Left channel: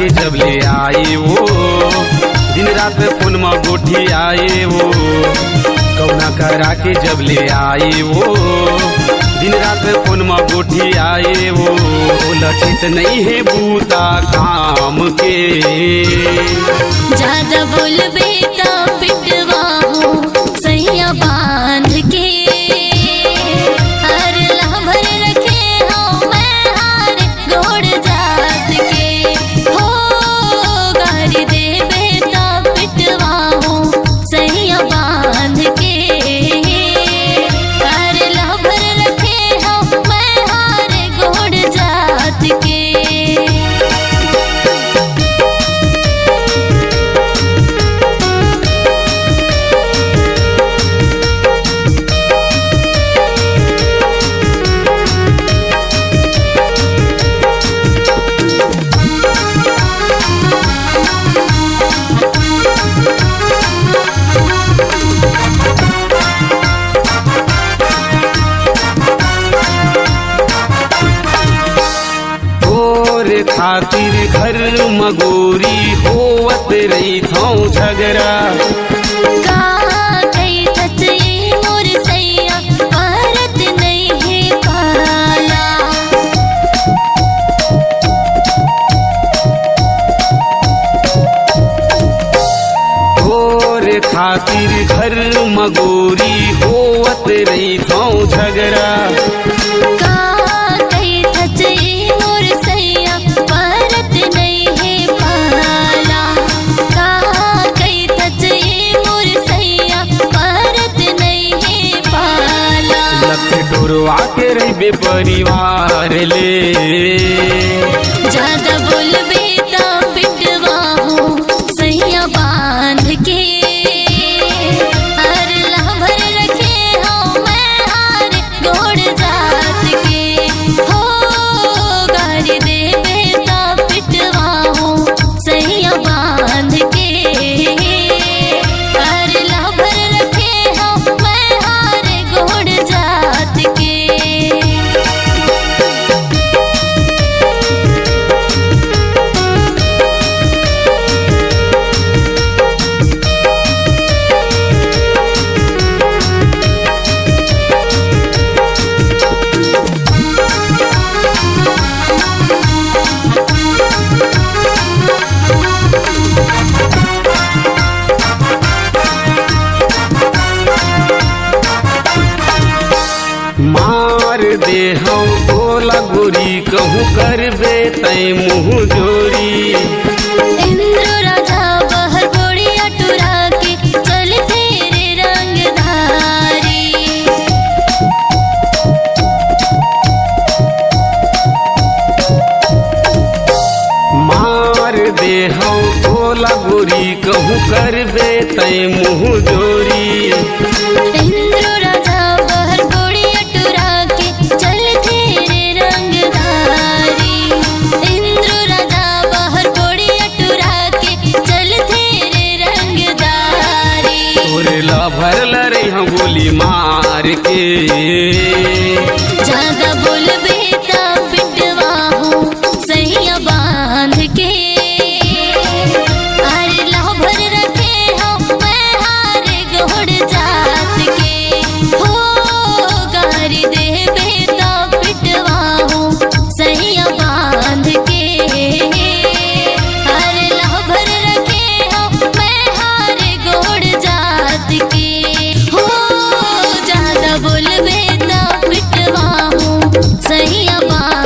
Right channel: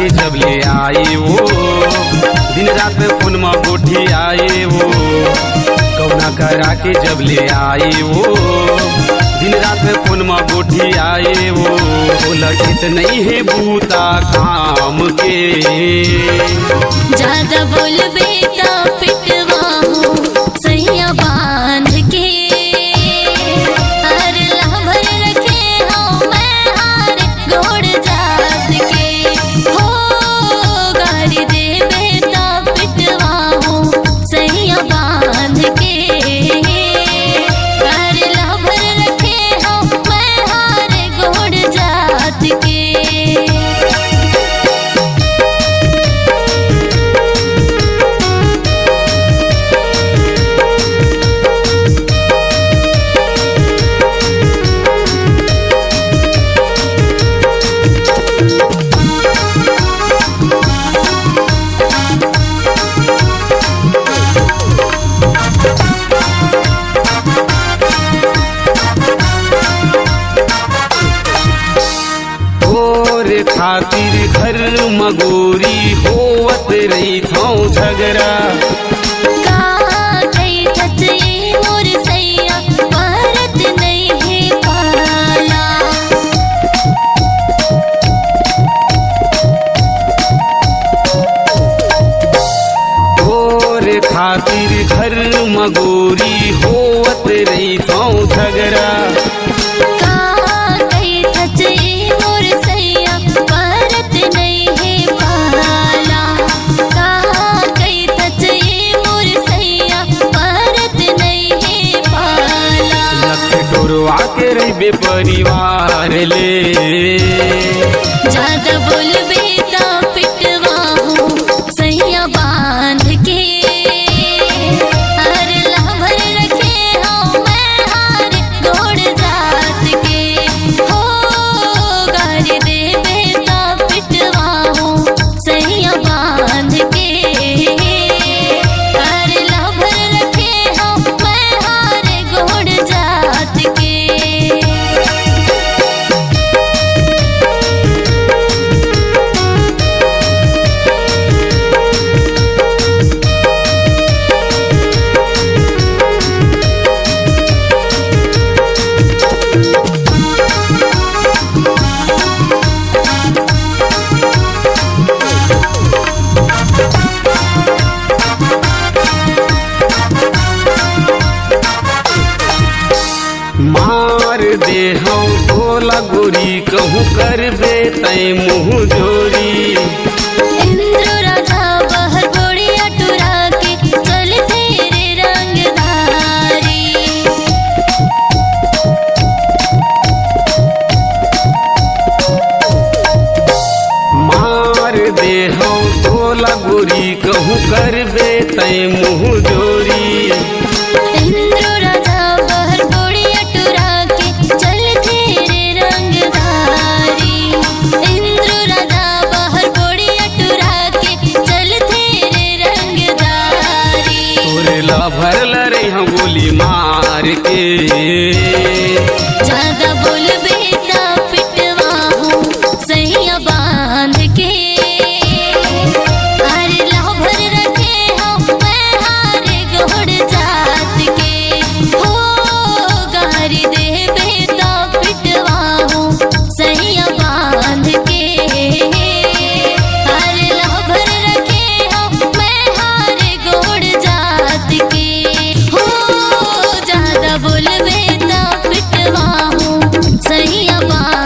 के जब ले आए वो दिन रात में फोन में गोठी आए वो गौना करा के जब ले आए वो दिन रात में फोन में गोठी आए वो लखित नहीं है बूता काम के ज्यादा बोलबे तो पिटवा हो सैया बांध के हर लहभर रखे हो मैं हार गोड़ जात के हो गारी देबे तो पिटवा हो सैया बांध के हर लहभर रखे हो मैं हार गोड़ जात के। तोरे खातिर घर मगोरी होवत रही था झगड़ा कहाँ गई थचई मोर सैया भारत नहीं है पाला तोरे खातिर घर मगोरी होवत रही था झगड़ा कहाँ गई थचई मोर सैया भारत नहीं है पाला कहाँ गई थचई मोर सैया भारत नहीं है पाला लख डोरवा के रही परिवार ले ज्यादा बोलबे तो पिटवा हो सैया बांध के हर लहभर रखे हो मैं हार गोड़ जात के हो गारी देबे तो पिटवा हो सैया बांध के हर लहभर रखे हो मैं हार गोड़ जात के। मार दे हम तोला गोरी कहूँ करबे तय मुँह जोरी इंद्र राजा बहर बोड़िया टुरा के चल तेरे रंगधारी मार दे हम तोला गोरी कहूँ करबे तय मुँह जोरी इंद्र राजा बहर बोड़िया टुरा के चल तेरे रंगधारी इंद्र राजा बहर बोड़िया टुरा के चल तेरे रंगधारी तोरे ला भरल रे हम गोली मार के ज्यादा बोलबे तो पिटवा हो सैया बांध के अरे लहभर रखे हो मैं हार गोड़ जात के हो गारी देबे तो पिटवा हो सैया बांध के अरे लहभर रखे हो मैं हार गोड़ जात के हो ज्यादा बोलबे तो पिटवा हो सैया बांध